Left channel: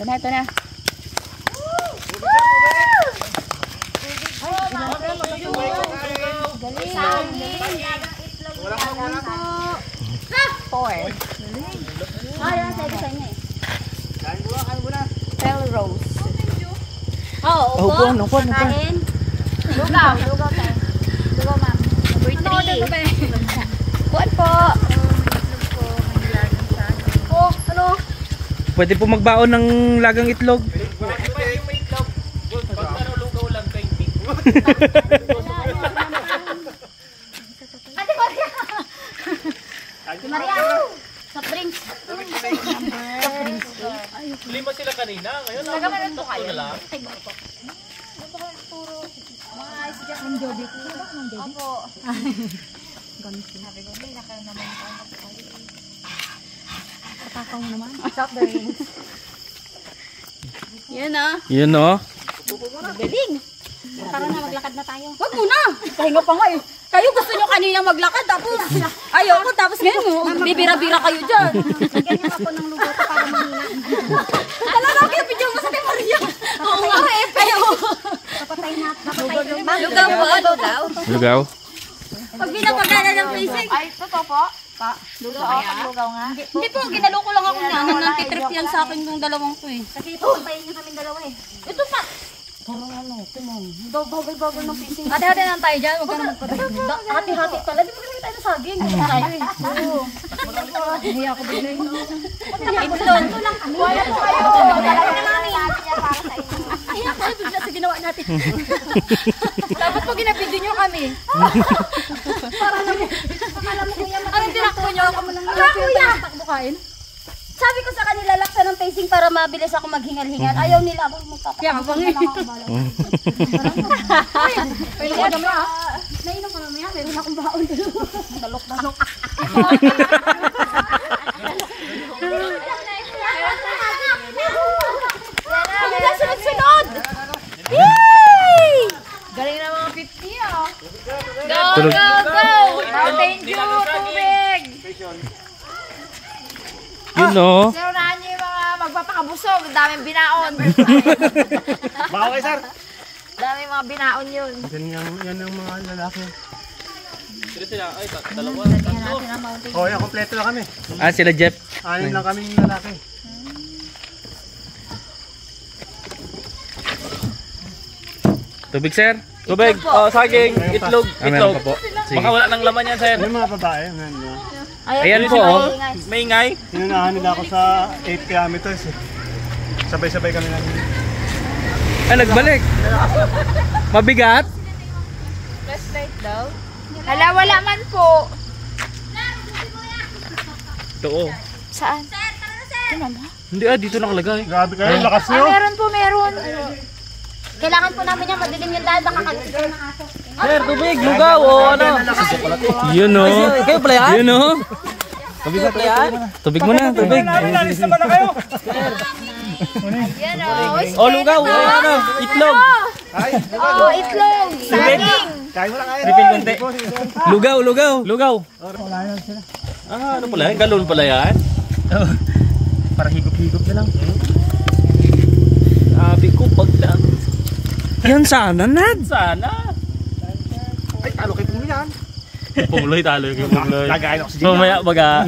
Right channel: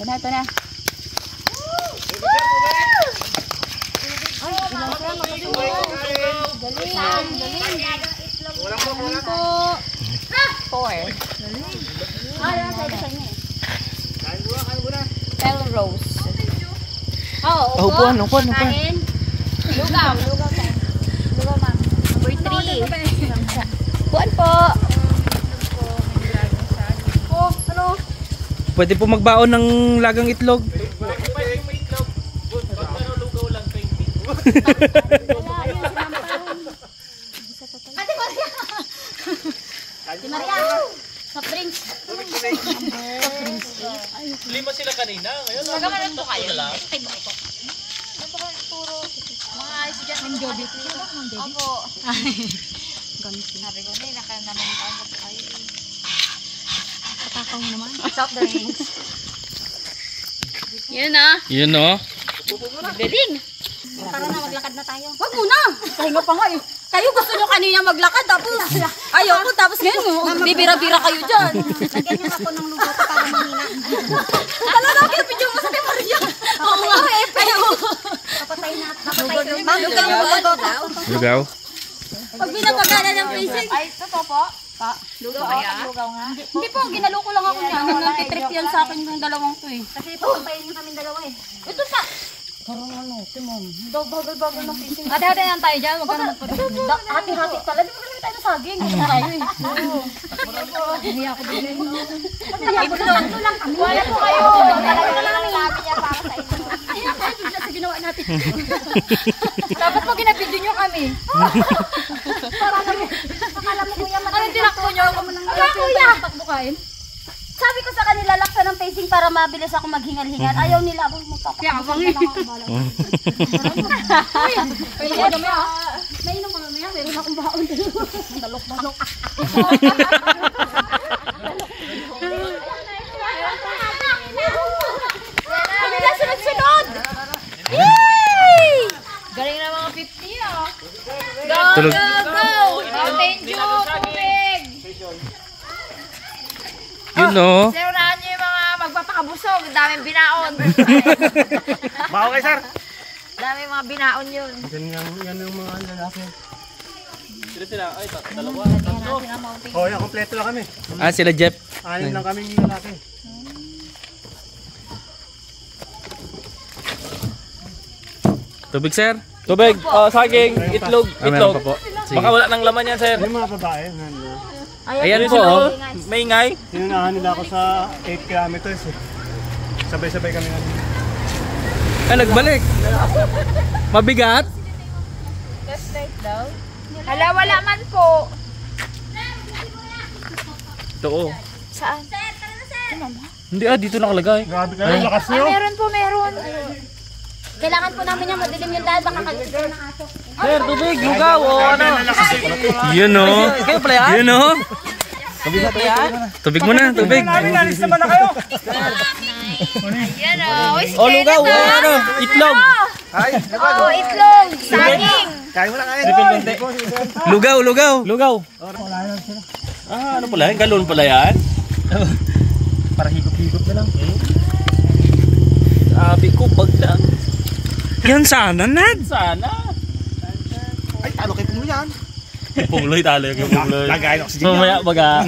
Ito na, ito na. Rose. Oh, upo. Kain. Lugaw tayo. Lugaw, ma'am. Number 3. Buwan po. Oh, ano? Pwede po magbaon ng lagang itlog. Ate Maria! Ate Maria! Soft drinks. Soft drinks. Lima sila kanina. Nagamanan po kayo. Ay, ba po? Ano po kayo puro? Mga estudyante ng Joby. Opo. Sabi ko, hindi, naman tayo po kayo. Katakaw naman. Soft drinks. Yun ah. Yun o. Galing. Tara na, maglakad na tayo. Wag muna. Pahinga pa nga eh. Kayo gusto nyo kanina maglakad tapos ayaw ko tapos ngayon bibira-bira kayo dyan. Lagyan nyo ako ng lugaw para mahina. Talaga kayo video mo sa Maria. Oo nga eh. Pero papatay na. Ma'am, lugaw yung lugaw daw. Lugaw. Pag binapagana ng prison. Ay, totoo po? Lugaw kaya? Lugaw nga? Hindi po, ginalo ko lang ako niya. Nantitrip yan sa akin yung dalawang ko eh. Kasi papayin nyo kami dalawa eh. Ito pa. Parang ano, timon. Bagal-bagal ng pising. Hati-hati lang tayo dyan. Huwag ka na magpapagod. Hati-hati pala. Di ba kami tayo na saging? Gusto na tayo eh. Oo. Nahiya ko din eh. Nahiya ko din. Ito lang kami. Nahiya ko din sa ginawa natin. Dapat po ginapidyo nyo kami. Para namin. Akala mo kuya. Anong tinakbo nyo? Takbo kain. Sabi ko sa kanila, laksa ng pacing para mabilis ako maghingal-hingal. Ayaw nila ako magpapakabang na lang ako bala. Pwede ko naman ah. Nainom ko naman yan. Meron akong baon. Dalok-dalok. Kami na sunod-sunod! Yay! Galing na mga 50 ah. Go, go, go! Thank you, tubig! Yun o. Sinunahan nyo yung mga magpapakabusog. Daming binaon. Bawa kayo, sir. Daming mga binaon yun. Yan yung mga lalaki. Sila. Ay, dalawa. Oo, yan. Kompleto lang kami. Ah, sila Jeff. 6 lang kaming lalaki. Tubig, sir. Tubig, saging, itlog. Meron pa po. Sige. Baka wala nang laman yan, sir. Yung mga babae, nandun. Ayan po oh. Maingay. Sinunahan nila ako sa 8 kilometers eh. Sabay-sabay kami namin. Ay, nagbalik. Mabigat. Hala, wala man po. Ito oh. Saan? Hindi dito nakalagay. Grabe kayo, lakas nyo. Meron po, meron. Kailangan po namin yung madilim yung dahil baka kagigil ng aso. Sir, tubig, lugaw, o ano. Yun o. Kayo pala yan? Yun o. Tubig mo na, tubig. O, lugaw, o ano. Itlog. Oo, itlog. Saging. Refill konti. Lugaw, lugaw. Lugaw. Ano pala yan? Galon pala yan? Para higop-higop na lang. Sabi ko, pagdaan. Yan sana, Nad. Sana. Ay, talo kayo mo yan. Pongloy talo yung Pongloy. Lagayin ako sa Mamaya baga.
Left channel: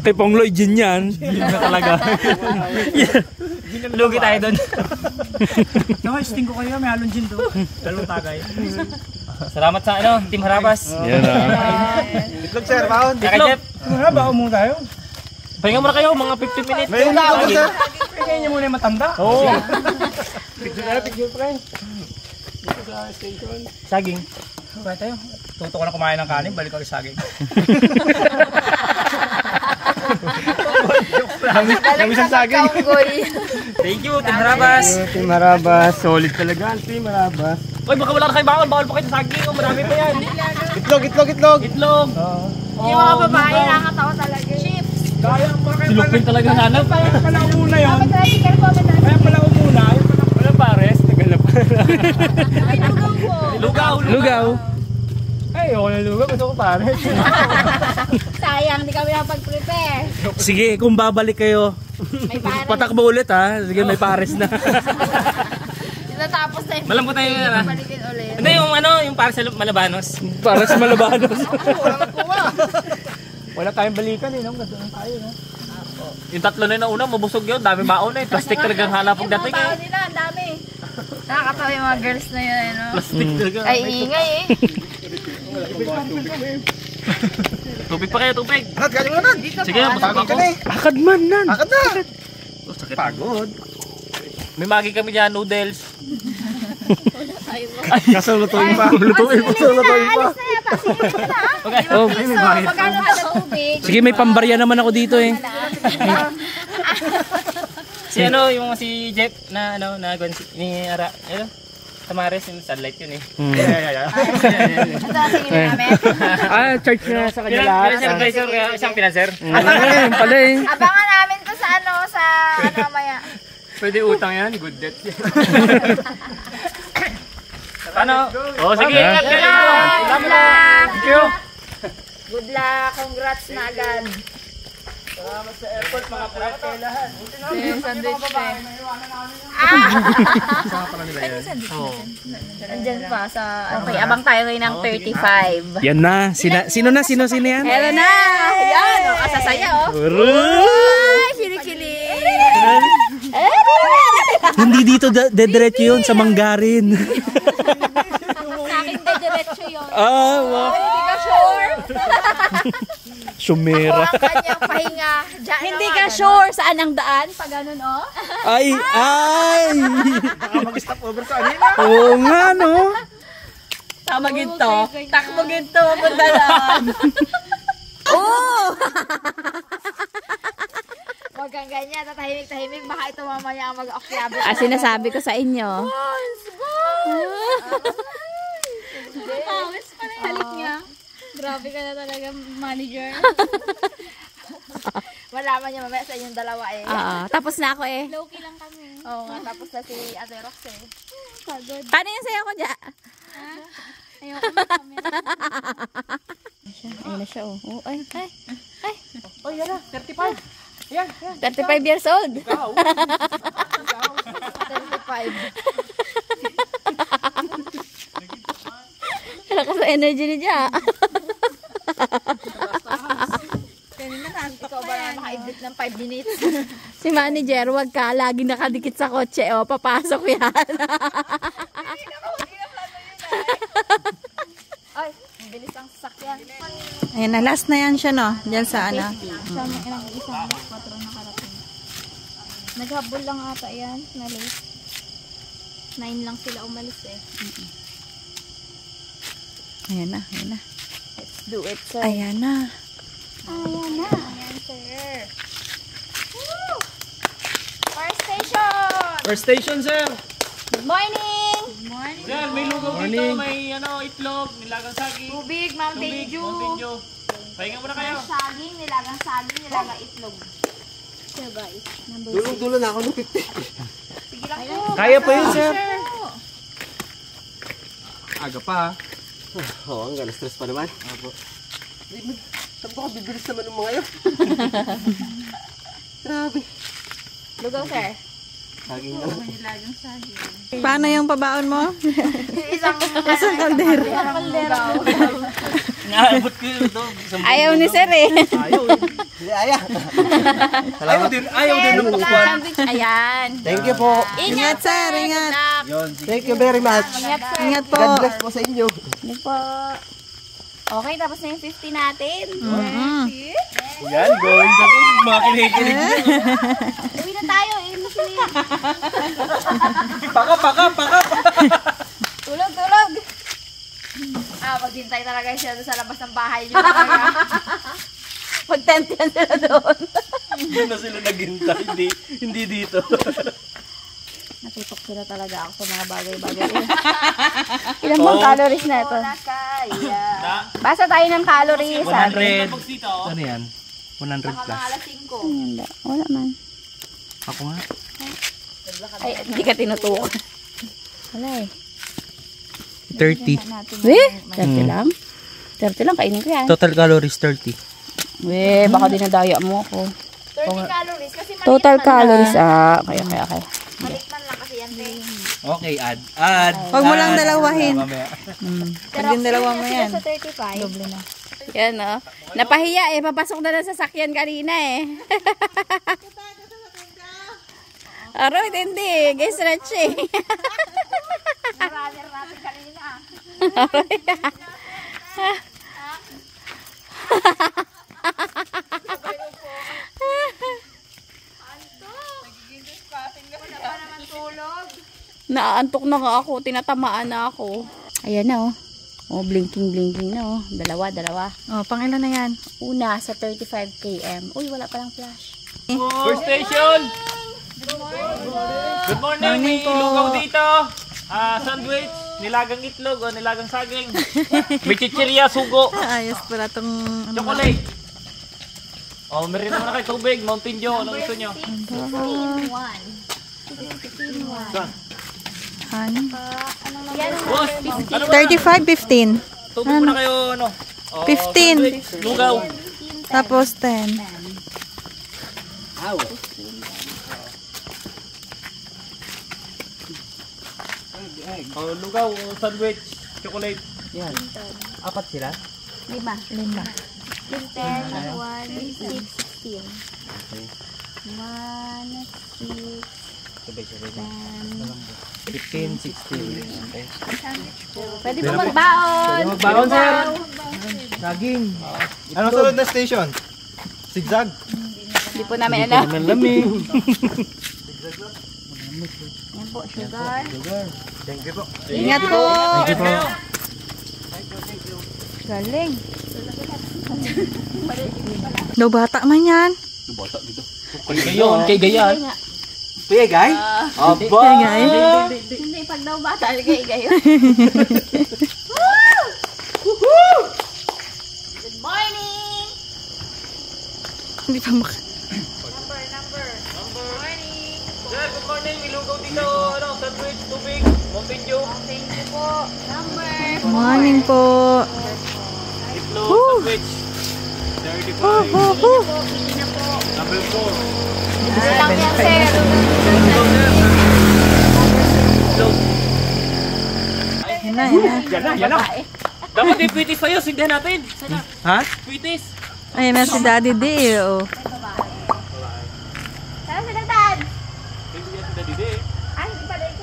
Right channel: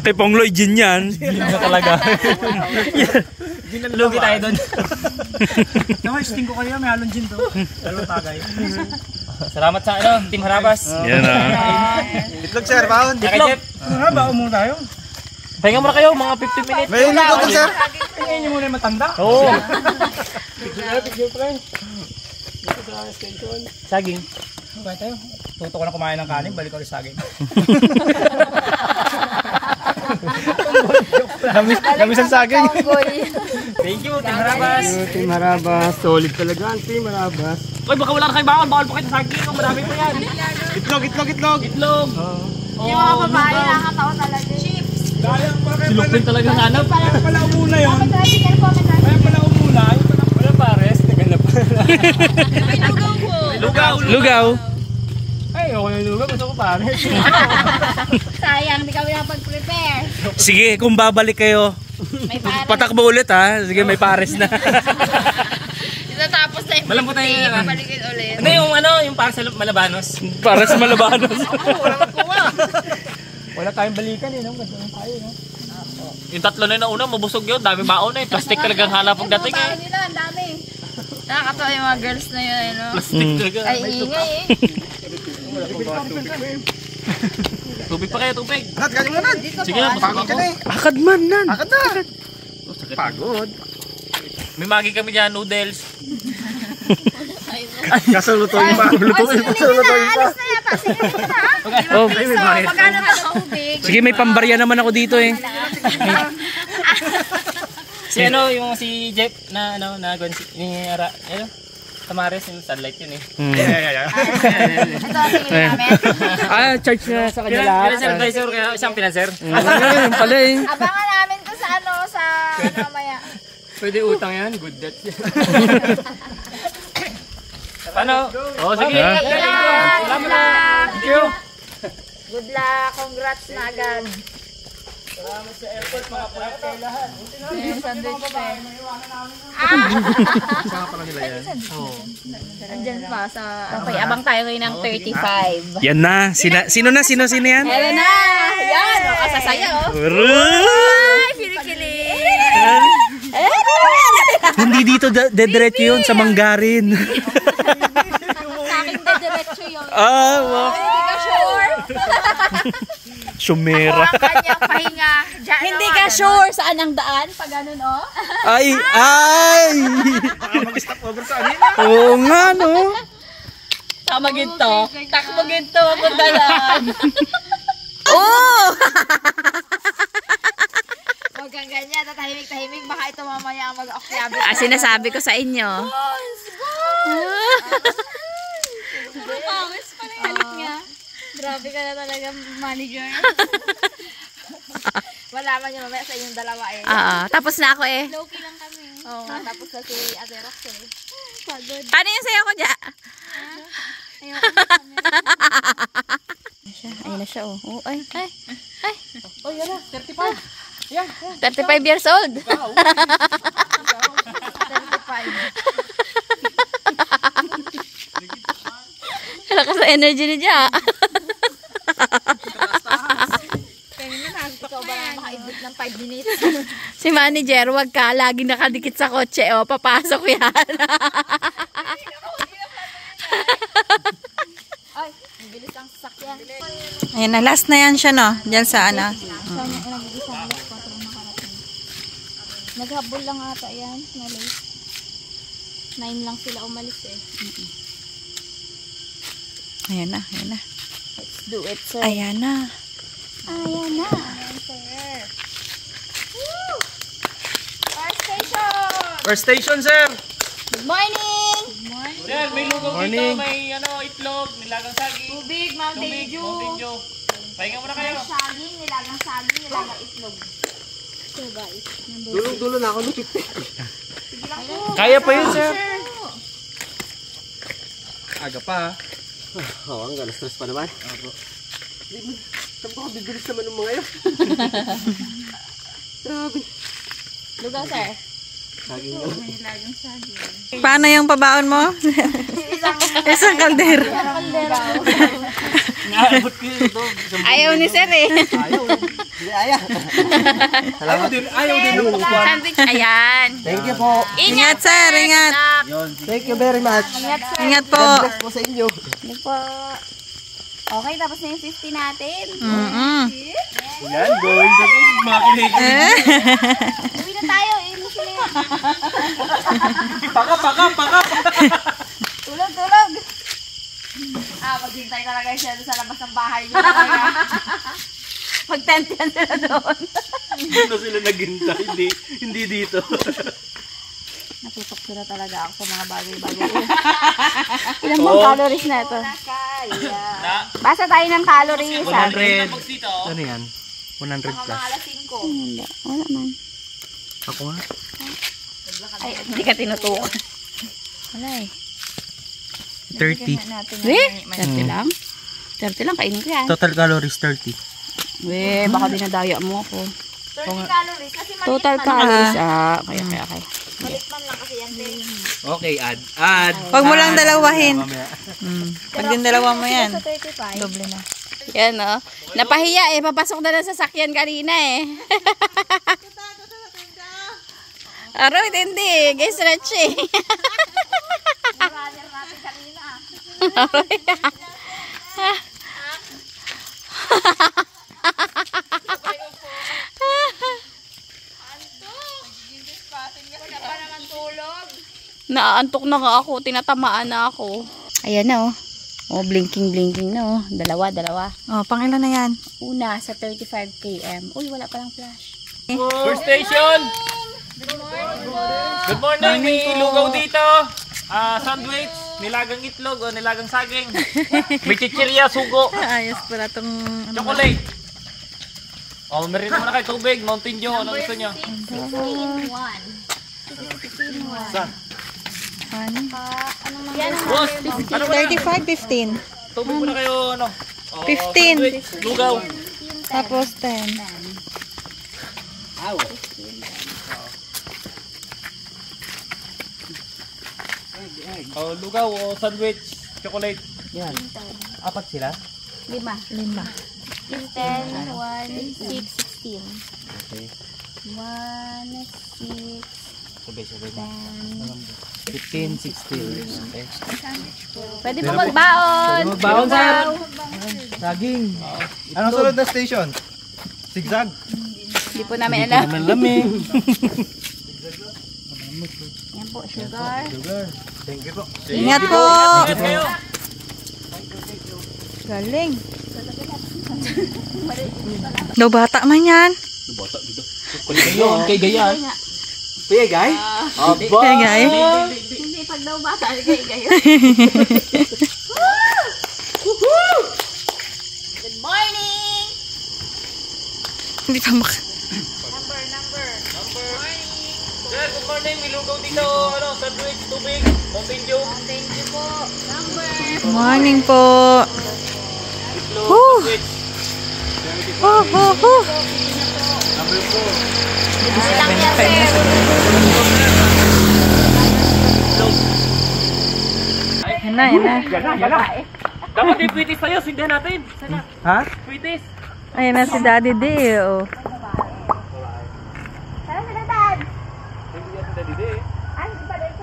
Kay Pongloy, gin yan. Na talaga. Lugi tayo doon. Sting ko kayo, may halong gin to. Dalawang tagay. Salamat sa ano, Team Harabas. Yan ah. Itlog, sir, baon. Kaya Jeff. Baon muna tayo. Pahinga muna kayo, mga 15 minutes. May itlog, sir. Pahinga nyo muna yung matanda. Oo. Picture friend. Dito sa station. Saging. Okay tayo. Tuto ko na kumain ng kanin, balik ko ulit saging. Lamis ang saging. Thank you, Team Harabas. Team Harabas, solid talaga ang Team Harabas. Uy, baka wala na kayo bawal pa kayo sa saging. Marami pa yan. Itlog, itlog, itlog. Itlog. Yung mga babae nakatawa talaga. Chips. Gayang pa kayo Silupin talaga hanap. Kaya pala umuna yun. Magdali kayo po, magdali. Kaya pala umuna. Wala pares. Tagal na pa. May naglupo. Lugaw. Lugaw. Ay, ako na lugaw. Gusto ko pares. Sayang, di kami nakapag-prepare. Sige, kung babalik kayo, Patakbo ulit ha. Sige, may pares na. Tapos na yung Malambot na yun. paligid ulit. Hindi yung yung para sa Malabanos. Para sa Malabanos. Wala magkuha. Wala tayong balikan eh, no? Kasi tayo, no? Yung tatlo na yung una, mabusog yun. Dami baon eh. Plastic talagang hanap pagdating eh. Nila, ang dami. Nakakatawa yung mga girls na yun, ano? Plastic talaga. Ay, ingay eh. Tubig pa kayo, tubig. Nad, galing mo Nad. Sige na, busog ako. Akad man, nan. Akad na. Sakit. Pagod. May magi kami dyan, noodles. Kaso lutuin pa. Lutuin pa. Lutuin pa. Alis na yata, sige na. Oh, Magkano pa sa tubig? sige, may pambarya naman ako dito eh. Si si Jeff na ni Ara, Tamares yung sunlight yun eh. Yeah. Ito ang tingin namin. Charge na sa kanya lahat. Financer advisor, kaya isang financer. Yun pala eh. Abangan namin to sa mamaya. Pwede utang yan, good debt. Ano? Oh, sige. Thank you. Good luck, congrats na agad. Salamat sa effort mga puwete lahat. Sandwich pa. Saan pala nila yan? Andyan pa sa... Okay, abang tayo ngayon ng 35. Yan na. Sino yan? Eto na! Yan! O, kasasaya o. Uray! Silik-silik! Hindi dito dediretso yun sa Manggarin. Sa akin ba diretso yun? Wow. Hindi ka sure? Sumera. Ang kanyang pahinga. Hindi ka sure saan ang daan? Pag ganun o? Ay! Baka mag-stop over ka kanina. Oo nga, no? Tama ginto. Takbo ginto. Punta yan. Oo! Huwag kang ganyan. Tahimik-tahimik. Baka ito mamaya ang mag-akyabit. Sinasabi ko sa inyo. Let's go! Nakakawis pala yung halik niya. Grabe ka na talaga, manager. Malaman niyo mamaya sa inyong dalawa eh. Tapos na ako eh. Low-key lang kami. Oo nga, tapos na si Ate Rox eh. Pagod. Paano yung sayo ko dyan? Ayoko na kami. Ayun na siya oh. Ay. Uy, yun na. 35. 35 years old. 35. Lakas sa energy ni Dya. Ikaw ba na maka-edit ng 5 minutes? Si manager, wag ka. Lagi nakadikit sa kotse. O, papasok yan. Ay, ang bilis ang sasakyan. Ayan na, last na yan siya no. Diyan sa ano. Nag-iisang alas 4 ang nakarating. Naghabol lang ata yan. Na late. 9 lang sila umalis eh. Ayan na. Let's do it, sir. Ayan na. Ayan na. Ayan, sir. Woo! Fire station! First station, sir. Good morning! Good morning. Sir, may lugaw dito, may itlog, nilagang saging. Tubig, Mountain Dew. Pahinga muna kayo. Saging, nilagang itlog. So guys, Dulo na ako lupit. sige lang po. Kaya pa yun, sir. Aga pa. Oo, ang ganas stress pa naman. Apo. Saan ba ka bibilis naman ng mga yun? Grabe. Lugaw, sir. Saging na. May nilagang saging. Paano yung pabaon mo? Isang kaldero. Naabot ko yun ito. Ayaw ni sir eh. Ayaw. Hindi ayaw. Ayaw din ng upuan. Sandwich. Ayan. Thank you po. Ingat sir, ingat. Thank you very much. Ingat po. God bless po sa inyo. Hindi po. Okay, tapos na yung 50 natin. Yan, going to be makinig. Uwi na tayo. Paka. Tulog. Maghintay talaga siya sa labas ng bahay niyo. Mag-tent yan sila doon. Doon na sila naghintay, hindi dito. Nakitok sila talaga ako sa mga bagay-bagay. Ilan bang calories na ito? Basa tayo ng calories. 100. Ano yan? 100 Baka plus. mga alas 5. Wala man. Ako nga. Ay, hindi ka tinutuko. Wala eh. 30. Weh, 30 lang? 30 lang, kainin ko yan. Total calories 30. Weh, baka dinadaya mo ako. calories kasi Total calories. Okay. malikman lang kasi yan. Okay, add. Huwag mo lang dalawahin. Mamaya. Pag din dalawa mo yan. Sa 35. Doble na. Yan napahiya papasok na lang sa sasakyan kanina Aroy, hindi. Guys, stretching. Marami natin kanina. Naantok na nga ako. Tinatamaan na ako. Ayan na blinking na Dalawa. Oh, pang ilan na yan? Una sa 35 km. Uy, wala palang flash. First station! Good morning! May lugaw dito. Sandwich, nilagang itlog o nilagang saging. May chichirya, sugo. Ayos pala tong Chocolate. Meron naman na kayo tubig, Mountain Dew. Anong gusto nyo? 15. Boss, ano ba? 35, 15. Tubig muna kayo, 15. sandwich, lugaw. Tapos 10. Lugaw o sandwich, chocolate. Yan. Apat sila? 5. 5. 10, 1, 6, 16. Okay. 1, 6, Sabay na. 15, 16. Okay. Pwede po magbaon. Magbaon, sir. Saging. Anong sunod na station? Zigzag. Hindi po namin alam. Lamig. Yan po, sugar. Thank you po. Ingat po. Ingat kayo. Galing. Daw bata man yan. Kay Gayan. Pia, guy? Kaya guys. Hindi, pag daw bata, gayo. Good morning! Hindi pa Sir, good morning. May lugaw dito. Sandwich, tubig, Mountain Dew. Thank you po. Morning po. Itlog, sandwich. 35. Number 4. Yan na. Yan na. Dapat yung kwitis sa'yo. Sindihan natin. Ha? Kwitis. Ayan na si Daddy D. Oh. Sana sila Dad! Hindi yan sa dide. Ay, hindi pala ito.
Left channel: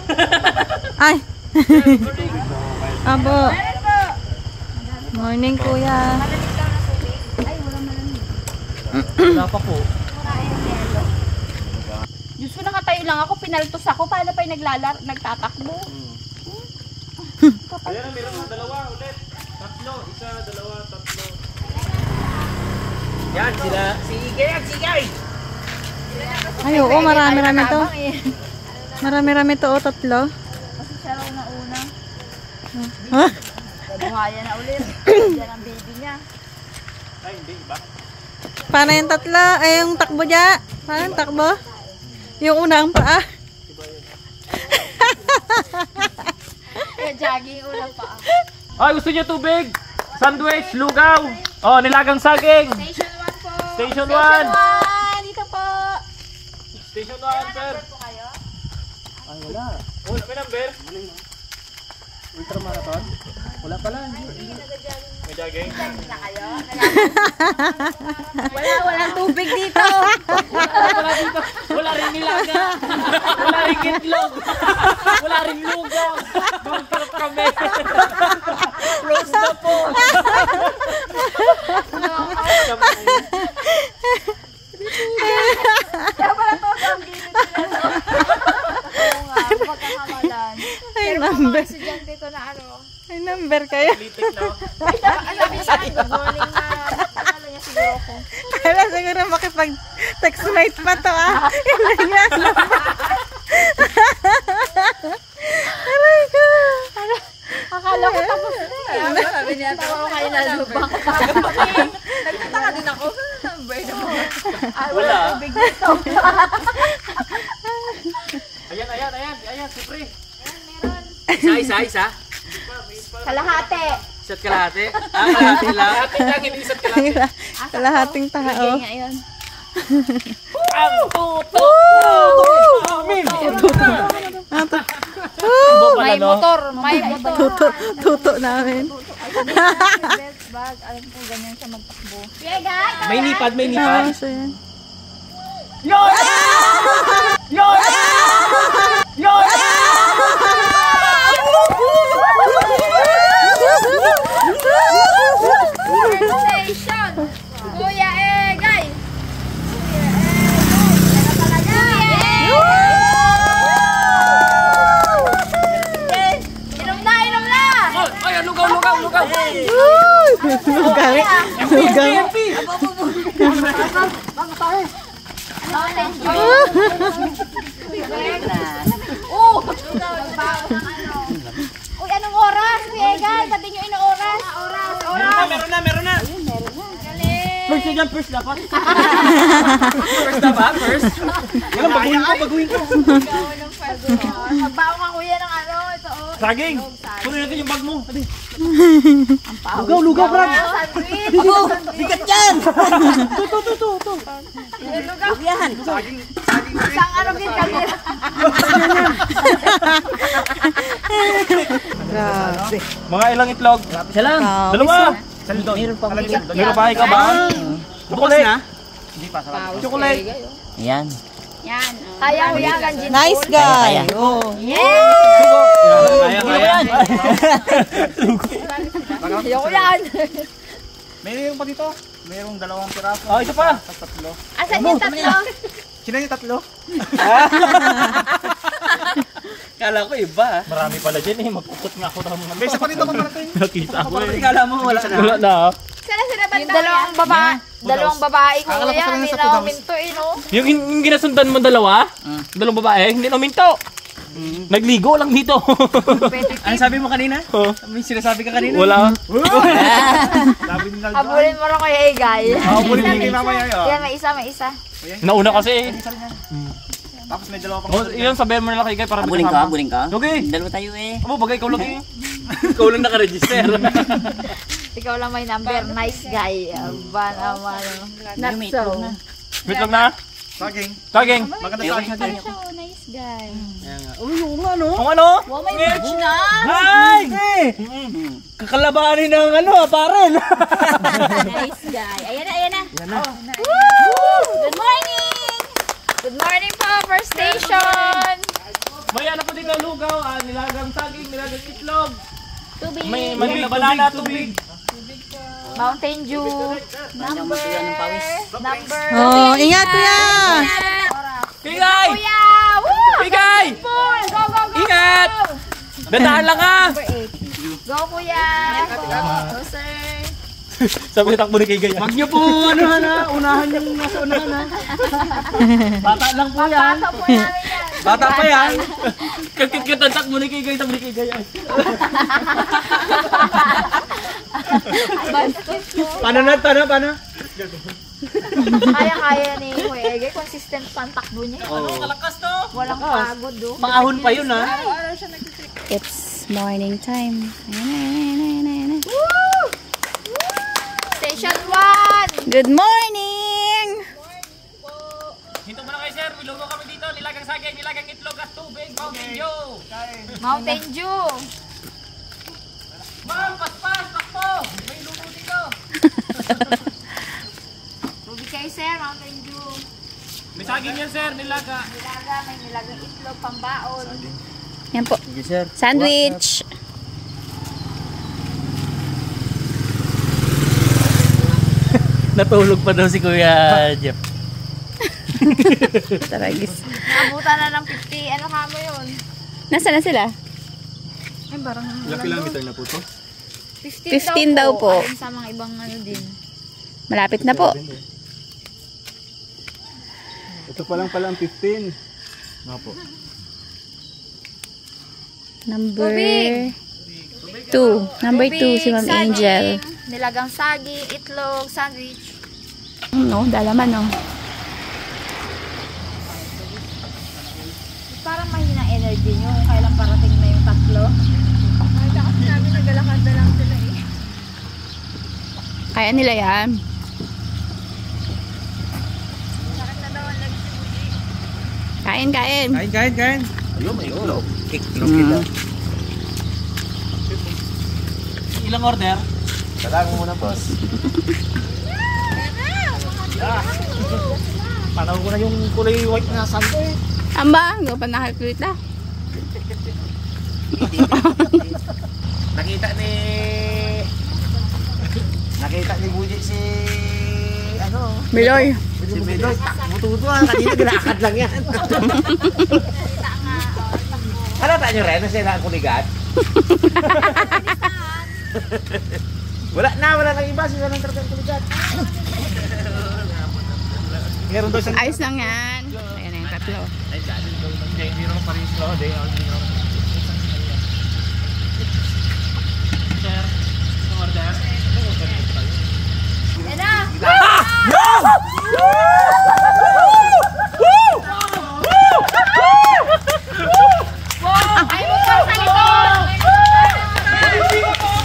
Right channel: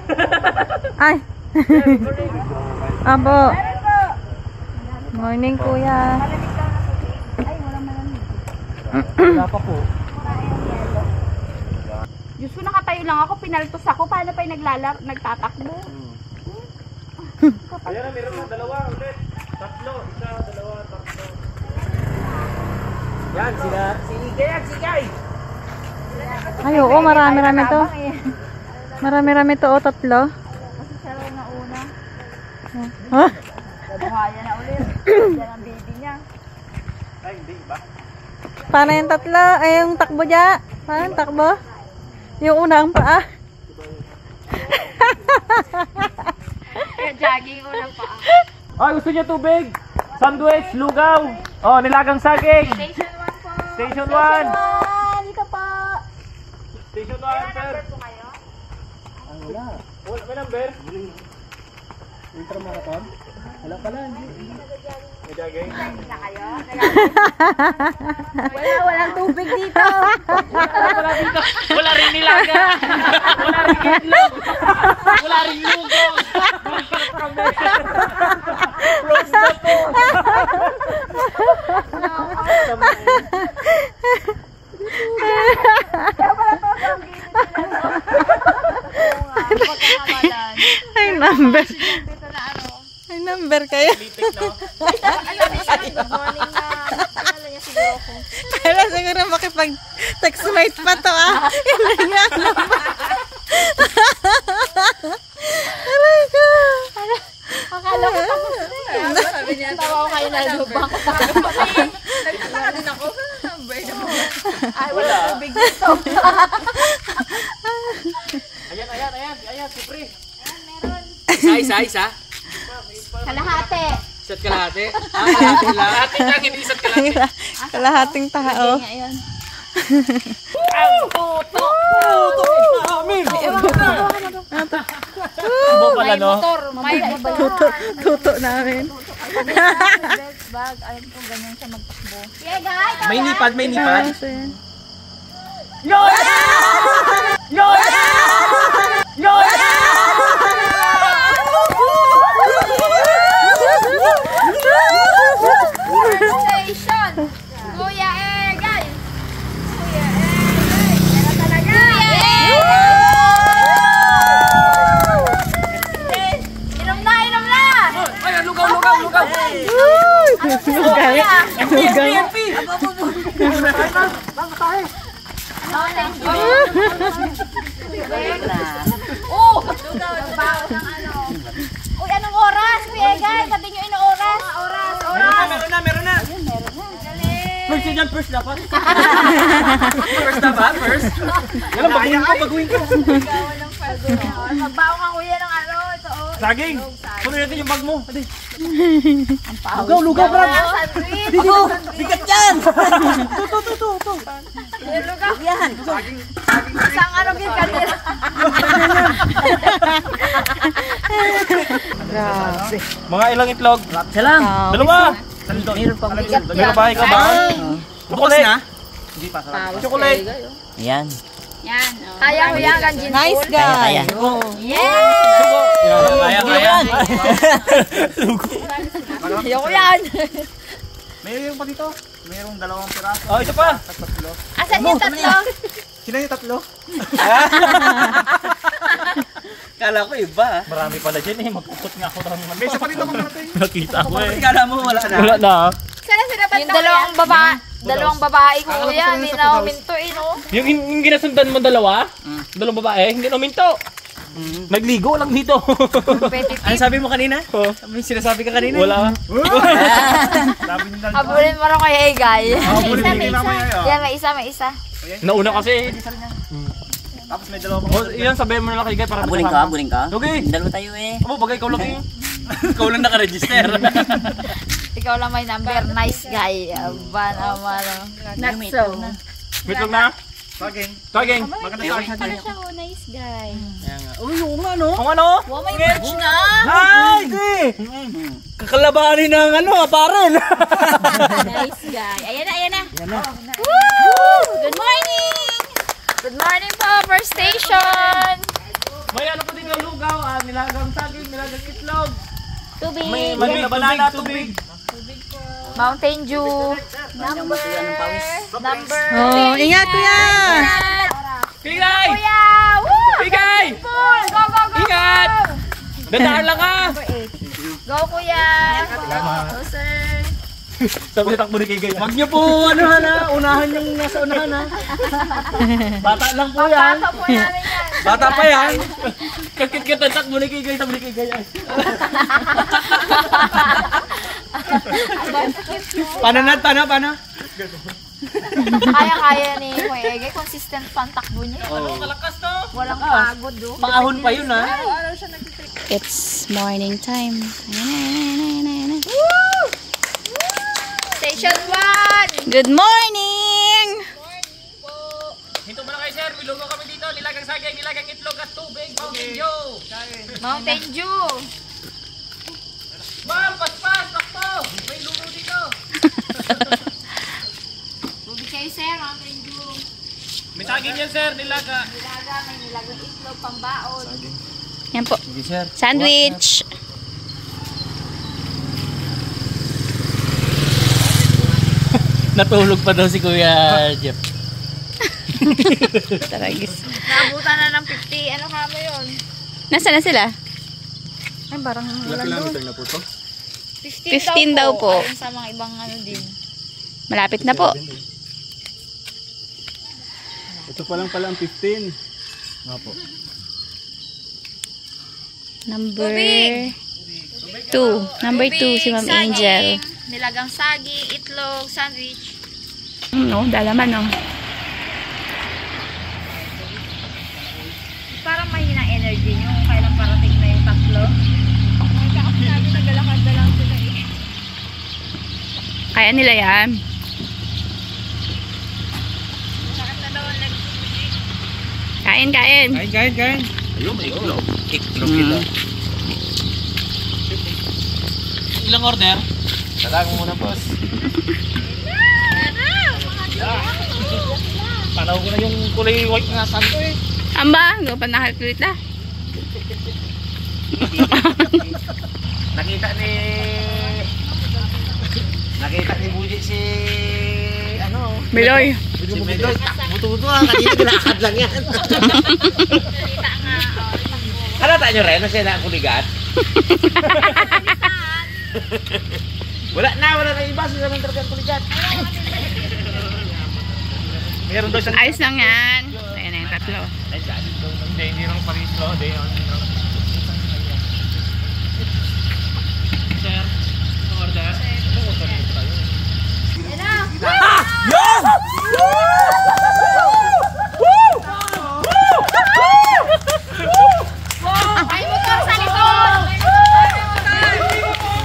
Ay. Good morning. Abo. Meron po! Morning kuya. Malamig daw na tubig. Ay, walang malamig. Wala pa po. Diyos ko, nakatayo lang ako. Pinaltos ako. Paano pa yung nagtatakbo? Ayan na, meron ng dalawa ulit. Tatlo. Isa, dalawa, tatlo. Yan, sila. Sigay. Ay, oo. Marami-rami to. Marami-rami to. O, 3. Kasi siya raw na una. Ha? Nabuhaya na ulit. Yan ang baby niya. Ay, hindi ba? Paano yung 3? Ay, yung takbo dya? Paano yung takbo? Yung unang paa. Kaya jogging ulang pa. Ay, gusto niyo tubig? Sandwich, lugaw. Nilagang saging. Station 1 po. Station 1. Dito po. Station 1, sir. Ay, wala. Wala, may number. Ultramarathon? Wala pala. May jogging. Walang tubig dito. Wala dito. Wala rin nilaga. Wala rin itlog. Wala rin lugaw. Close na po. Ay, number. Dito na ano. Ay, number kayo. Litik, no? Alam niya sa akin, good morning na. Alam niya siguro ko. Alam, siguro makipag-text mate pa to Hindi niya number. Aray ko. Akala ko tapos na eh. Sabi niya, tawa ko kayo na lubang ko pa. Nagtataka din ako. Number na mo. Ay, wala tubig dito. Ayan, sipre. Isa. Kalahate. Isa't kalahati. Kalahati lang. Ate lang, hindi isa't kalahati. Kalahating tao. Ngayon. Ibo pala, no? Tuto namin. Yeah, guys. May nipad, may nipad. Ah, so yan. Station. Kuya Egay. Kuya talaga. Inom na, inom na. Lugaw. Oh, lugaw ng ano. Uy, anong oras? Kuya Egay, pati nyo ino oras. Oras. Meron na. First yan, first dapat. First dapat, first. Alam, baguhin ko. Magbaon ka kuya ng ano, ito oh. Saging. Kunin natin yung bag mo. Adi. Lugaw, Brad. Sandwich. Bigat yan. Yung lugaw. Yan. Isang ano gin kanila. Grabe. Mga ilang itlog? Isa lang. Dalawa. Meron pa ba? Ikaw ba? Chocolate. Hindi pa. Chocolate. Ayan. Yan. Kaya ko yan ang gin. Nice guy. Oh. Kaya ko yan. Kaya ko yan. Mayroon pa dito. Mayroong 2 piraso. Oh, ito pa. Asan yung tatlo? Sino yung 3? Kala ko iba. Marami pala dyan eh. Magkukot nga ako ng May isa pa dito kung natin. nakita ko eh. Kala mo wala na. Wala na. Sana sinabat yung dalawang babae ko kuya. Hindi na uminto eh no? Yung ginasundan mo dalawa? Dalawang babae, hindi na uminto. Nagligo lang dito. Ano sabi mo kanina? May sinasabi ka kanina? Wala. Sabi ni Naldo. Abulin mo rin kay Egay. Habulin ni mamaya yun. Yan, may isa. Nauna kasi. Tapos may 2 pang. Oh, yun, sabihin mo na lang kay Guy para Abuling ka, abuling ka. Okay. Dalawa tayo eh. Amo, bagay ikaw lang eh. Ikaw lang naka-register. Ikaw lang may number. Nice guy. Aba naman. Not so. Wait lang na. Saging. Saging. Maganda saging. Nice guy. Uy, oo nga no. Kung ano? Wow, may merch na. Ay! Kakalabanin ng ano paren. Nice guy. Ayan na. Woo! Good morning. Good morning po, First Station. May ano po din ang lugaw, nilagang saging, nilagang itlog. Tubig. May na banana, tubig. Mountain Dew. Bandang matuyo ng pawis. Number. Oh, ingat kuya. Pigay! Kuya! Woo! Pigay! Go! Ingat! Dandahan lang ha! Go, kuya! Go, sir! Sabi na takbo ni Kigay. Wag niyo po ano na, unahan yung nasa unahan ha. Bata lang po yan. Baka po namin yan. Bata pa yan. Kakit-kit ang takbo ni Kigay, sabi ni Kigay. Paano? Kaya ni Kuya Egay. Consistent pa ang takbo niya. Malakas no? Walang pagod, do. Pangahon pa yun ha. Araw-araw siya nag-trip. It's morning time. Ayan na. Station 1! Good morning! Hinto mo na kayo sir, milugaw kami dito. Nilagang sagay, nilagang itlog at tubig. Mountain Dew! Mountain Dew! Ma'am, paspas, takbo! May lugaw dito. Tubig kayo, sir. Mountain Dew. May saging yan sir, nilaga. Nilaga, may nilagang itlog, pambaon. Yan po. Sige sir. Sandwich. Natulog pa daw si Kuya Jeff. Taragis. Naabutan na ng 50. Ano ka mo yun? Nasaan na sila? Ay, parang Ilang kilometer na po to? 15 daw po. Ayun sa mga ibang ano din. Malapit na po. Ito pa lang pala ang 15. Nga po. Number 2. Number 2 si Ma'am Saging, Angel. Nilagang saging, itlog, sandwich. No, dalaman no. Parang mahina energy nyo kung kailan parating na yung tatlo. May kakap namin nagalakad na lang sila eh. Kaya nila yan. Kain, kain. Kain. Ayun, ayun. Iklog Mm. Ilang order? Talag mo muna, boss. Panaw ko na yung kulay white na saan ko eh. Amba, hindi ko pa nakakita. Nakita ni Buji si ano? Biloy. Si Bedoy, takbo-tuto kanina ginakad lang yan. Halata nyo rin, kasi nakuligat. wala na iba, sila lang talaga kuligat. Meron daw siyang... Ayos lang yan. Ayan na yung tatlo. Hindi naman paris mo. Hindi. Sir, order. Ay, motor sa likod!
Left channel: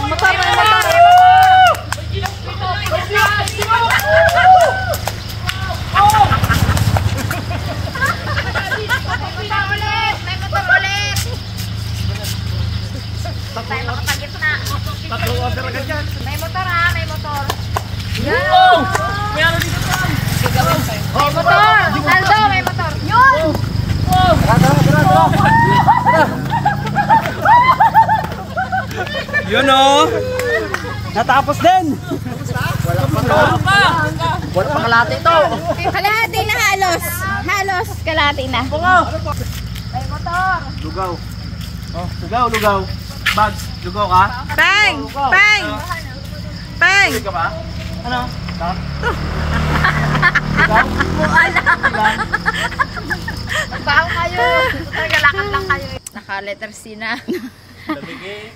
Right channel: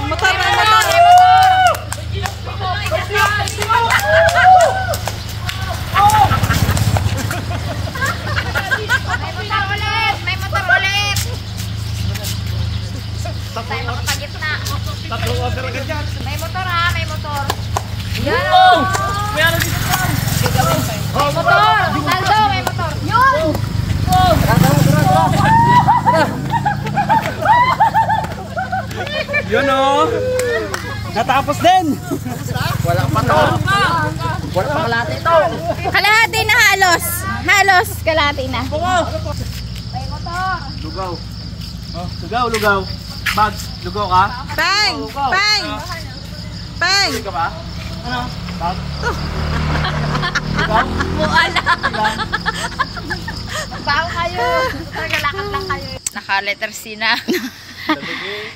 Motor na yung motor. May motor ulit! Tayo makapagitna. Tatlong order agad yan. May motor ha, may motor. Yan Oh! May ano dito po? May motor! Naldo, may motor. Yun! Yun o! Natapos din! Wala pa kalate ito. Kalahati na halos. Halos kalahati na. Lugaw. Oh, lugaw. Bag, lugaw ka? Peng! Peng! Peng! Ano? Baho kayo. Galakad lang kayo. Naka-letter C na.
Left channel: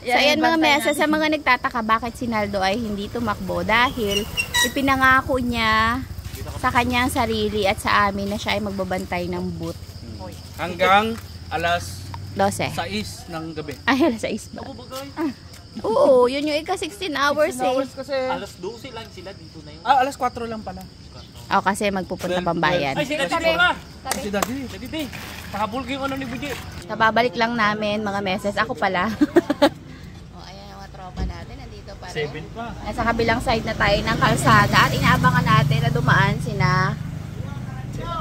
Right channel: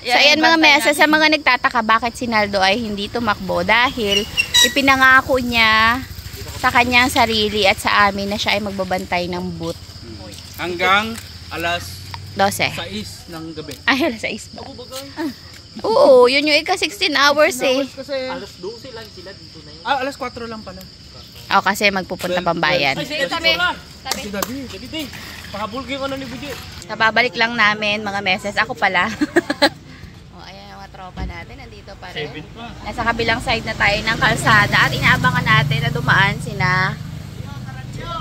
So ayan mga mesa, sa mga nagtataka bakit si Naldo ay hindi tumakbo dahil ipinangako niya sa kanyang sarili at sa amin na siya ay magbabantay ng boot. Hanggang alas 12. 6 ng gabi. Ay, alas 6 ba? Oo, yun yung ika 16 hours eh. Kasi... Alas 12 lang sila dito na yun. Ah, alas 4 lang pala. O kasi magpupunta pambayan. Ay, si Daddy. Daddy. Pakabulgo yung ano ni Buji. Kababalik lang namin mga meses. Ako pala. O, ayan ang mga tropa natin. Nandito pa rin. 7 pa. Nasa kabilang side na tayo ng kalsada at inaabangan natin na dumaan sina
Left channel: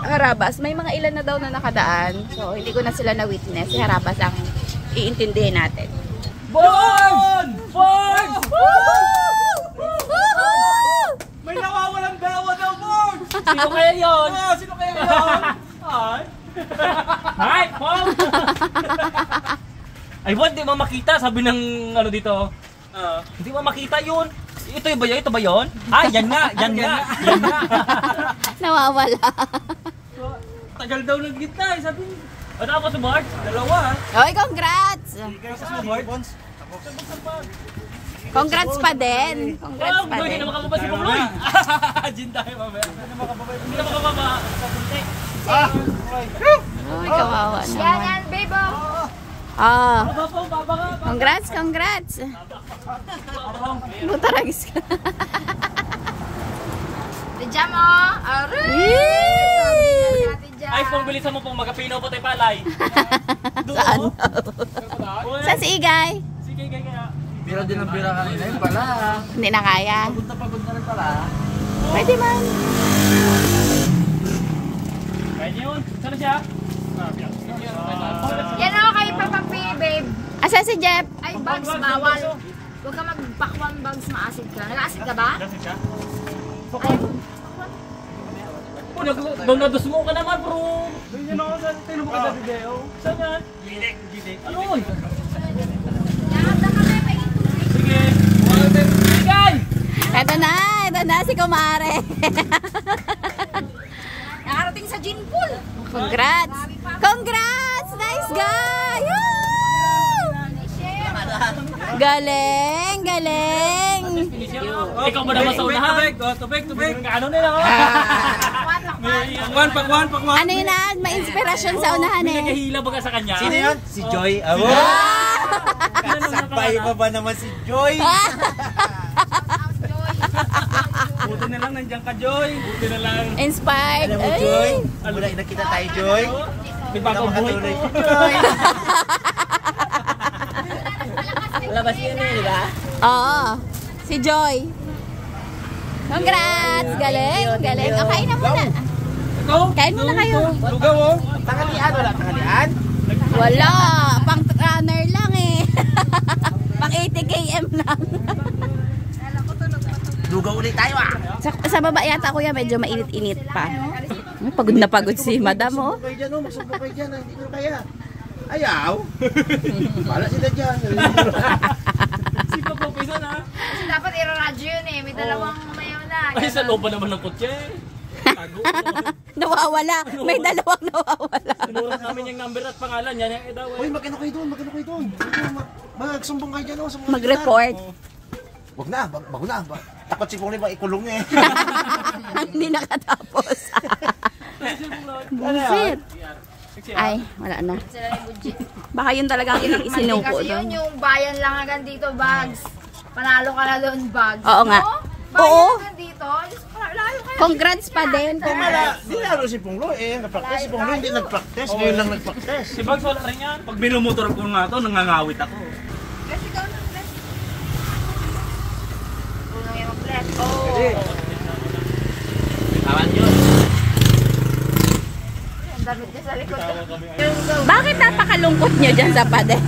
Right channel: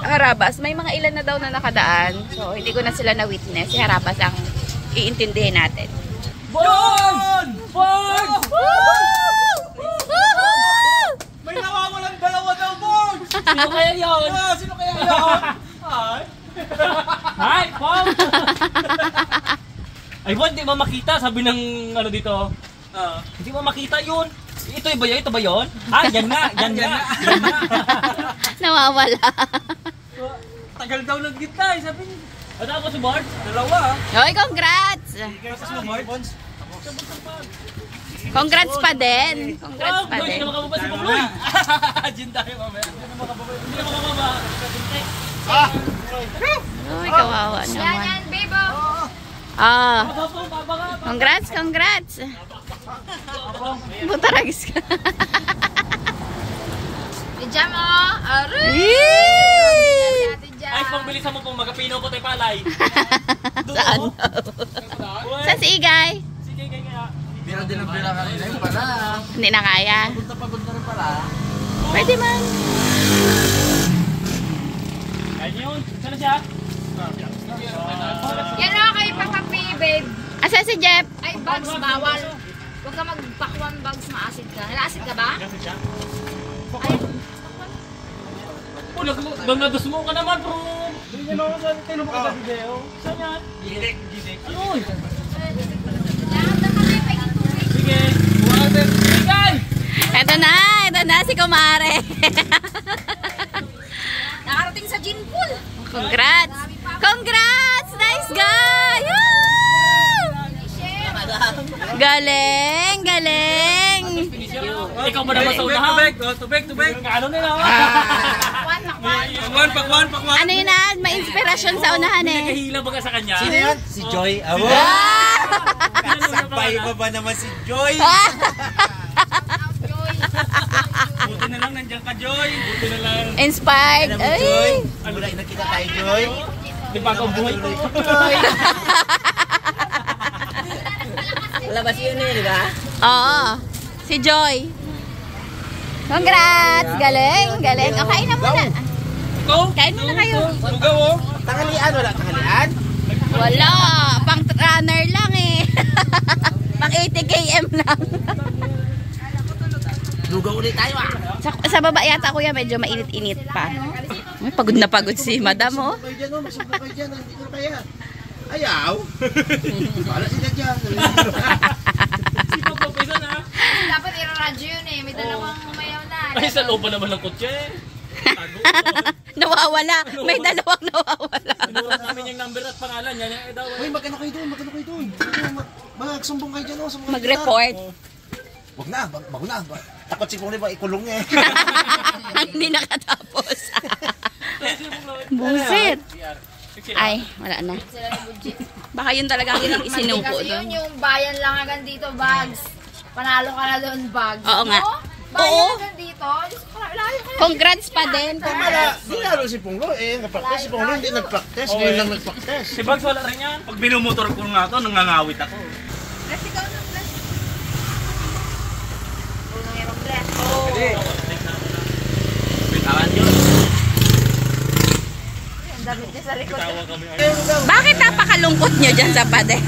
Harabas. May mga ilan na daw na nakadaan. So, hindi ko na sila na-witness. Si Harabas ang iintindihin natin. Bon! May nawawalang dalawa daw, Bon! Sino kaya yun? Sino kaya yun? Hi, Pong! Ay, Bon, di mo makita. Sabi ng ano dito. Hindi mo makita yun. Ito ba yun? Ito ba yun? Yan nga. Nawawala. Tagal daw ng gitna eh. Sabi niya. At ako sa board? Dalawa. Hoy, congrats! Congrats pa din. Congrats pa Hindi din. na makababa si Pabloy. Diyan tayo mamaya. Hindi na makababa. Uy, kawawa naman. Yan, bebo. Congrats. Butaragis ka. Diyan mo. Aray! Yee! Ay, pong bilisan mo pong magapinaw ko tayo palay. Saan? Sa si Igay? Sige, kaya. Bira din ang bira kanina yun pala. Hindi na kaya. Pagod na rin pala. Pwede man. Kaya yun. Saan na siya? Yan na kayo pagpapi, babe. Asa si Jeff? Ay, bags, bawal. Huwag ka magpakuan bags, maasid ka. Nag-acid ka ba? Oh, nagdasmo ka naman, bro. Doon yun ako sa tinubok ka sa video. Saan yan? Jidik. Ano? Lahat na kami, pahingin tubig. Sige. Water. Igay! Ito na si Kumare. Nakarating sa gin pool. Congrats! Nice guy! Woo! Galing! Ikaw ba naman sa unahan? Tubig. Ano nila? Pakwan. Ano yun na? May inspirasyon sa unahan eh. Nakahila ba ka sa kanya? Sino yun? Si Joy. Sakbay pa ba naman si Joy? Buti na lang, nandiyan ka, Joy. Buti na lang. Inspired. Alam mo, Joy? Ay! Wala nakita tayo, Joy. May bagong buhay ko. Labas yun eh, di ba? Oo. Si Joy. Congrats! Galing, galing. O, kain na muna. Kain muna kayo. Lugaw oh. Tanghalian, wala tanghalian? Wala. Pang runner lang eh. Pang 80 km lang. Lugaw ulit tayo ah. Sa baba yata kuya medyo mainit-init pa. Ay, pagod na pagod si madam oh. Magsubok kayo dyan, oh. Magsubok kayo dyan. Hindi ko kaya. Ayaw. Bala sila dyan. Dapat i-radyo yun eh. May dalawang mayaw na. Ay, sa loob pa naman ng kotse. Nawawala. May dalawang nawawala. Sinurat namin yung number at pangalan. Yan yung daw. Hoy, magkano kayo doon? Magkano kayo doon? Magsumbong kayo dyan, oh. Sa mga Mag-report. Wag na, bago na. Takot si Pongli ba ikulong niya eh. Hindi nakatapos. Bullshit. Ay, wala na. Baka yun talagang isinuko Kasi doon. yun yung bayan lang agad dito, Bags. Panalo ka na doon, Bags. Oo nga. No? Oo. Bayan agad dito. Layo kayo. Congrats pa din. Congrats. Hindi lalo si Ponglo eh. Nag-practice si Ponglo, hindi nag-practice. Ngayon lang nag-practice. Si Bags wala rin yan. Pag binumotor ko nga ito, nangangawit ako. Bless, ikaw na, bless. Unang yung mag-bless. Bitawan yun. Ang damit niya sa likod. Bakit napakalungkot nyo dyan sa pader?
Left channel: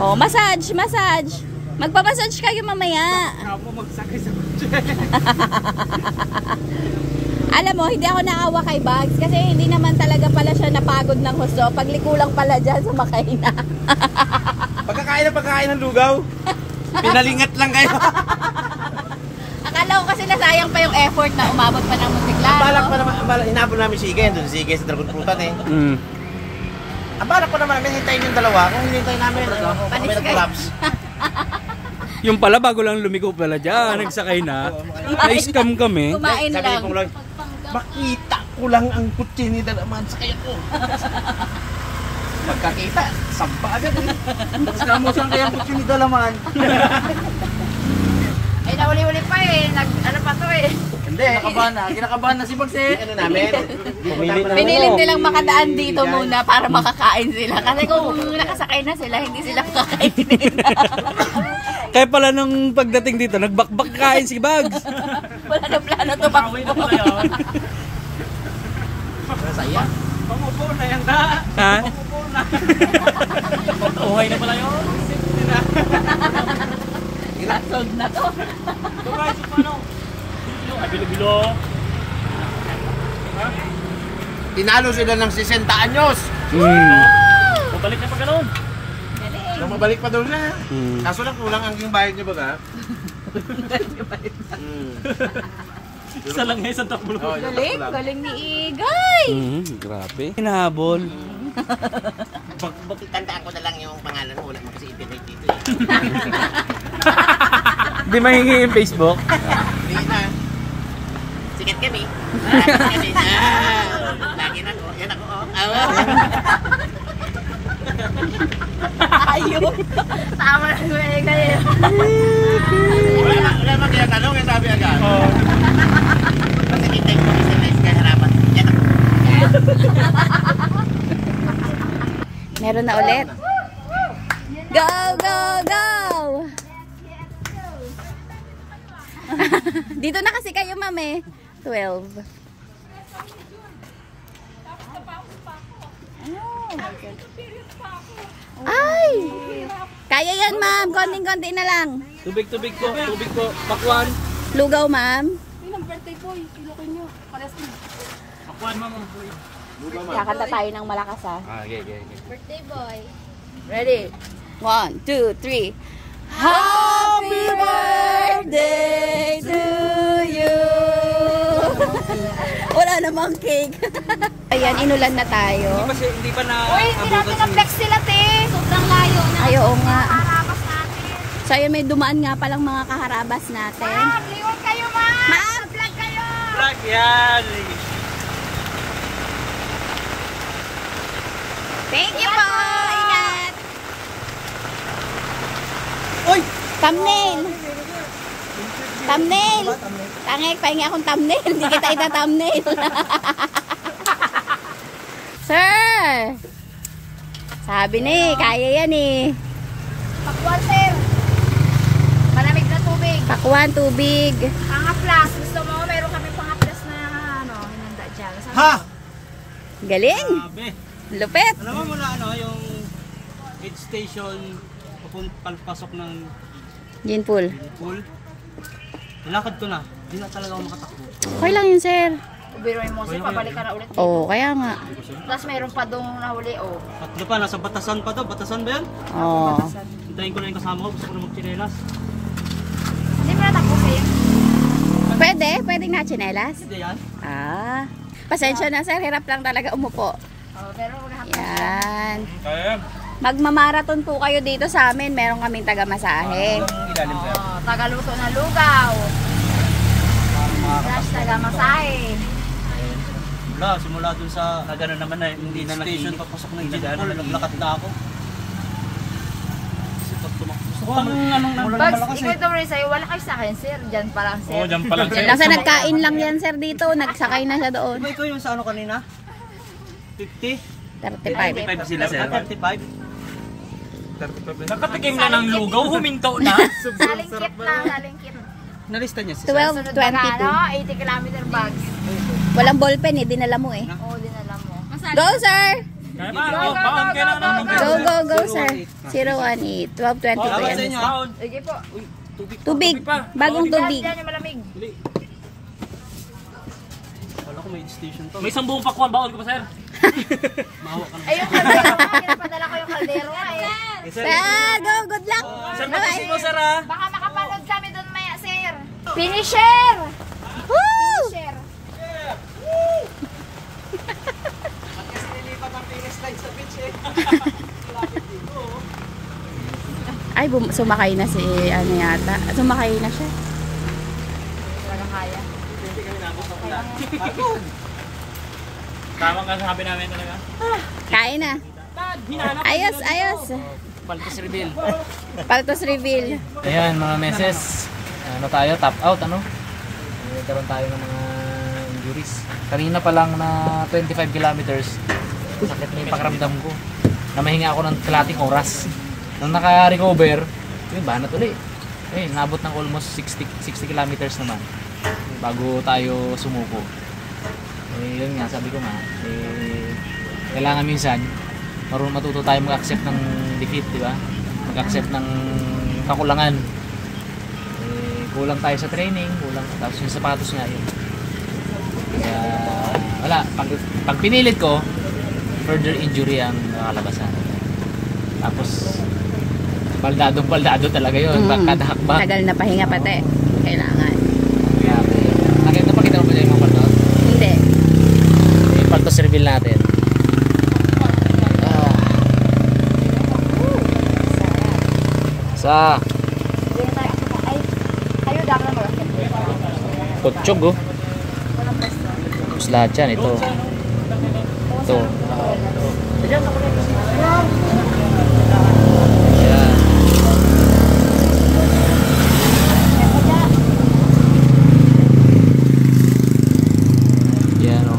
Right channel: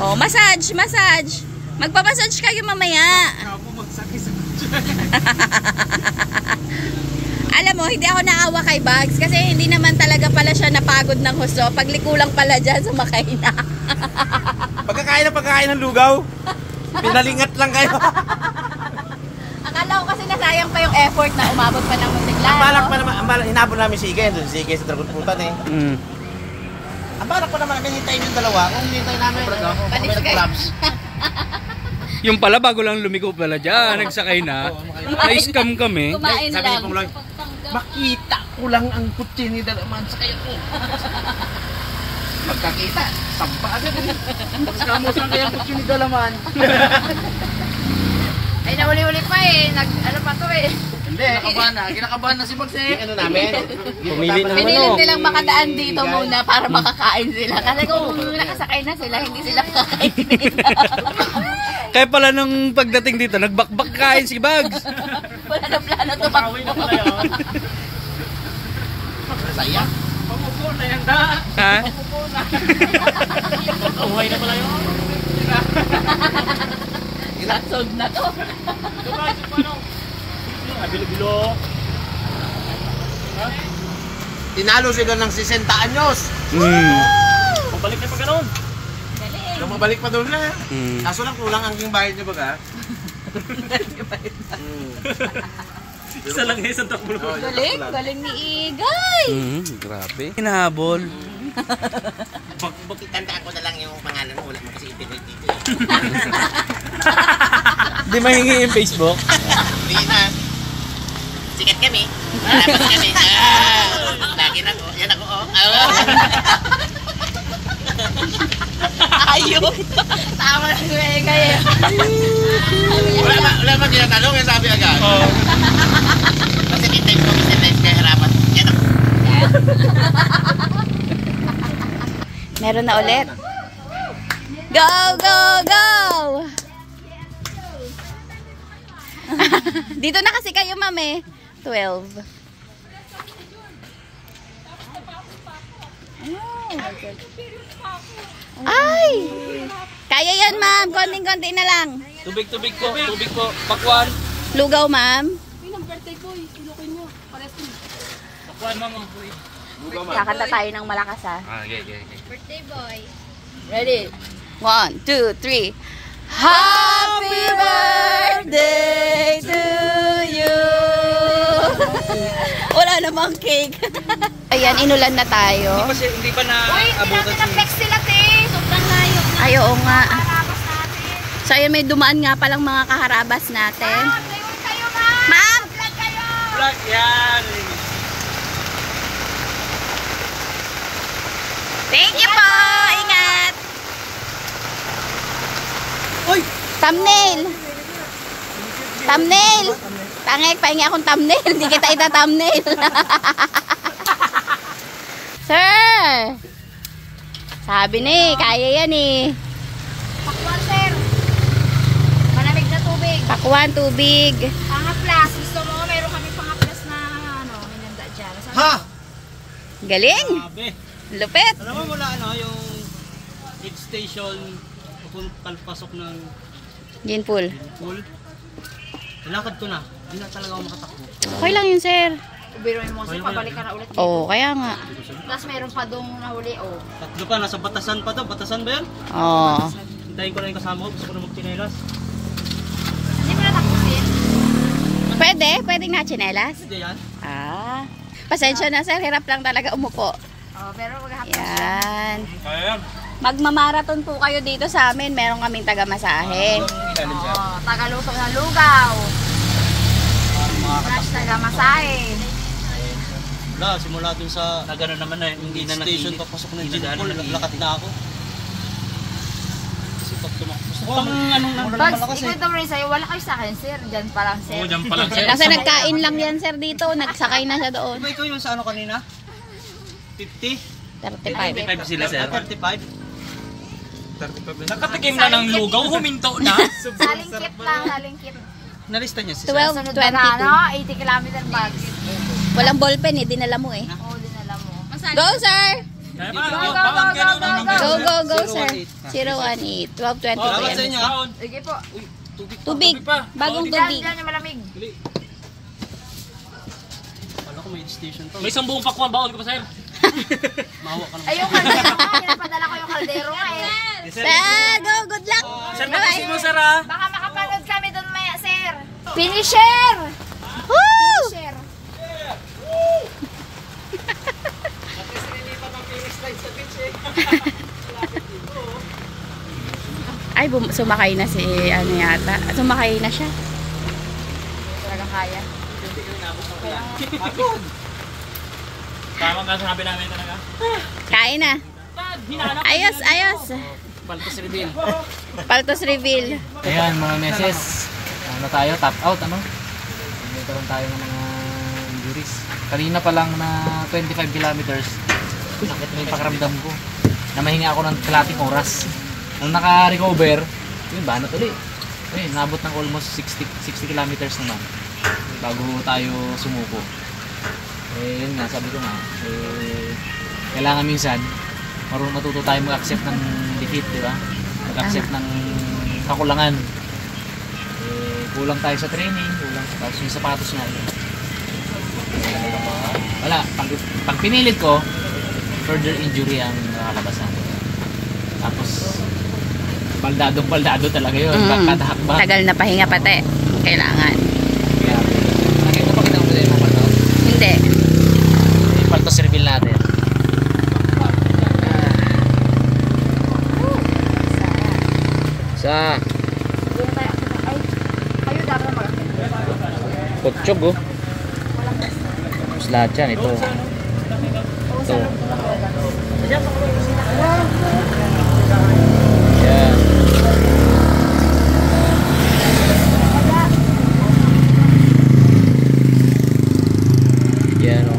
Oh, massage, massage. Magpamassage kayo mamaya. Alam mo, hindi ako naawa kay Bags kasi hindi naman talaga pala siya napagod ng husto. Pagliko lang pala dyan, sumakay na. Pagkakain ng lugaw. Pinalingat lang kayo. Akala ko kasi nasayang pa yung effort na umabot pa ng Monteglano. Balak pa naman, hinapon namin si Igen. Doon si Igen sa Dragon Fruitan eh. Ang balak pa naman namin hintayin yung dalawa. Kung hinintay namin, baka may nag-collapse. Yung pala bago lang lumiko pala dyan, nagsakay na. Na-scam kami. Kumain Sabi lang. ni Pongloy, makita ko lang ang kutsi ni Dalaman sa kaya ko. Magkakita, sampa agad eh. Skamos lang kaya ang kutsi ni Dalaman. Ay, nauli-uli pa eh. Ano pa to eh. Hindi. Kinakabahan na si Max eh. Ano namin? Pumili na Pinilit nilang makadaan dito muna para makakain sila. Kasi kung nakasakay na sila, hindi sila kakainin. Kaya pala nung pagdating dito, nagbakbak kain si Bags. Wala na plano tumakbo. Saya. Pangupo na yan ka. Ha? Uway na pala yun. Kasog na to. Bilo-bilo. Tinalo sila ng 60 anyos. Pabalik na pa ganun. Nung mabalik pa doon na. Mm. Kaso lang kulang ang king bayad niya baga. Isa lang yung isang takbo. Galing, galing ni Igay. Grabe. Hinahabol. Tandaan ko na lang yung pangalan mo. Wala mo kasi internet dito. Di mahingi yung Facebook. Hindi na. Sikat kami. Malapas kami. Lagi na ko. Yan ako. Ayun. Tama na si Igay eh. Wala ba tinatanong? Yung sabi agad. Kasi kita yung commission na kaya harapan. Yan ako. Meron na ulit. Go, go, go! Dito na kasi kayo, ma'am 12. Ay! Kaya yan, ma'am. Konting-konti na lang. Tubig ko. Bakwan. Lugaw, ma'am. Bakwan mga boy. Kakanta tayo ng malakas, ha? Okay. Birthday boy. Ready? 1, 2, 3. Happy birthday to you! Wala namang cake. Ayan, inulan na tayo. Hindi pa na Uy, hindi natin na-flex sila, te. Sobrang layo na. Ay, oo nga. Harabas natin. So, ayan, may dumaan nga palang mga kaharabas natin. Lingon kayo, ma'am. Ma'am! Vlog kayo. Black yan. Thank you po! Ingat! Uy! Thumbnail! Thumbnail! Tangek, pahingi akong thumbnail. Hindi kita ita-thumbnail. Sir! Sabi ni, kaya yan eh. Pakwan, sir. Malamig na tubig. Pakwan, tubig. Pangaplas. Gusto mo, meron kami pangaplas na hinanda dyan. Ha! Galing. Sabi. Lupit. Alam mo mula yung aid station palpasok ng Gin pool. pool. Nalakad ko na. Hindi na talaga ako makatakbo. Okay lang yun, sir. Ubiroin mo, sir. Pabalik ka na ulit. Oo, kaya nga. Plus, meron pa dong nahuli, oh. Tatlo pa, nasa batasan pa to. Batasan ba yan? Oo. Hintayin ko na yung kasama ko. Gusto ko na magtinelas. Hindi mo na tapusin. Pwede? Pwedeng na tsinelas? Hindi yan. Ah. Pasensya na, sir. Hirap lang talaga umupo. Oh, pero Yan. Kaya yan. Magmamarathon po kayo dito sa amin. Meron kaming taga-masahe. Ilalim siya. tagaluto na lugaw. Plus, taga-masahe. Wala, simula dun sa nagano naman na hindi na station papasok ng gin pool, naglakad na ako. Kasi pag tumakbo. Gusto ko anong Pag ikito rin sa'yo, wala kayo sa akin, sir. Diyan pa lang, sir. Oo, dyan pa lang sir. Kasi nagkain lang yan, sir, dito. Nagsakay na siya doon. Diba ikaw yung sa ano kanina? 50? 35. 35 sila sir. 35? Nakatikim na ng lugaw, huminto na. Salingkit na, salingkit. Nalista niya si 12:22. Ano, 80 kilometer bags. Walang ballpen eh, dinala mo eh. Oo, din alam mo. Go, sir! Go, Go, sir. 018, 12:22 Salamat sa yan. inyo. Sige po. Tubig, bagong tubig. Diyan yung malamig. Wala ko may station to. May isang buong pakwan, baon ka pa sir? Mahawa ka naman. Ay, yung kaldero nga. Pinapadala ko yung kaldero nga eh. Sir, go, good luck! Bye-bye! Sir ah! Baka makapanood kami doon maya, sir. Finisher! Woo! Finisher! Ay, sumakay na si, ano yata. Sumakay na siya. Talaga kaya. Tama ka sabi namin talaga. Kain na. Ayos, ayos. Paltos reveal. Paltos reveal. Ayan mga meses, ano tayo, top out ano? Nagkaroon tayo ng mga injuries. Kanina pa lang na 25 kilometers, sakit na yung pakiramdam ko. Namahinga ako ng kalating oras. Nung naka-recover, yun, banat ulit. Ayun, nabot ng almost 60 kilometers naman bago tayo sumuko. Eh, yun nga, sabi ko nga, kailangan minsan matuto tayo mag-accept ng defeat, di ba? Mag-accept ng kakulangan. Kulang tayo sa training, kulang tapos yung sapatos nga yun. Wala, pag pinilit ko, further injury ang nakalabas ako. Tapos baldado talaga yun, kada hakbang. Tagal na pahinga pati. Kailangan. Nakita mo ba yung mga paltos? Hindi. Yung paltos reveal natin. Sa Kayo dapat na mag-accept. Kutsyog oh. Tapos lahat yan, ito. Ito. Yan. Yan oh.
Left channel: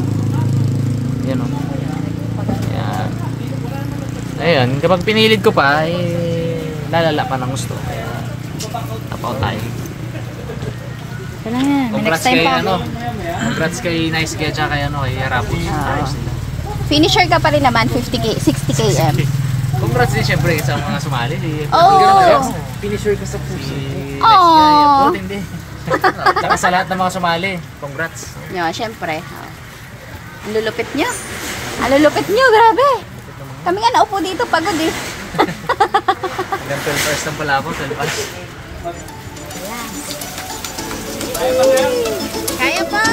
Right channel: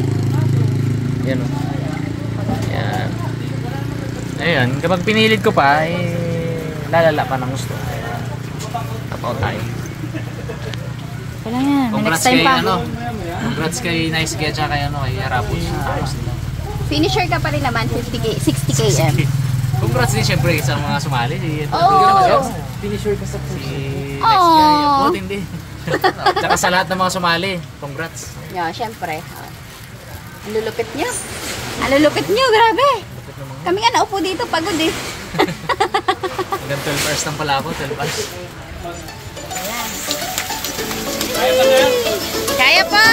Yan oh. Yan. Ayun, kapag pinilit ko pa, lalala pa ng gusto. Kaya tapaw tayo. Kailangan yan. Next time pa. Congrats kay Nice Guy at kay Harapos. Tapos nila. Finisher ka pa rin naman, 60 km. Congrats din syempre sa mga sumali. Finisher ka sa Aww. Hindi. Tsaka sa lahat ng mga sumali. Congrats. Yun, syempre. Lulupit nyo. Lulupit nyo, grabe. Kami nga naupo dito, pagod eh. Hanggang 12 hours lang pala ako, 12 hours. Kaya pa!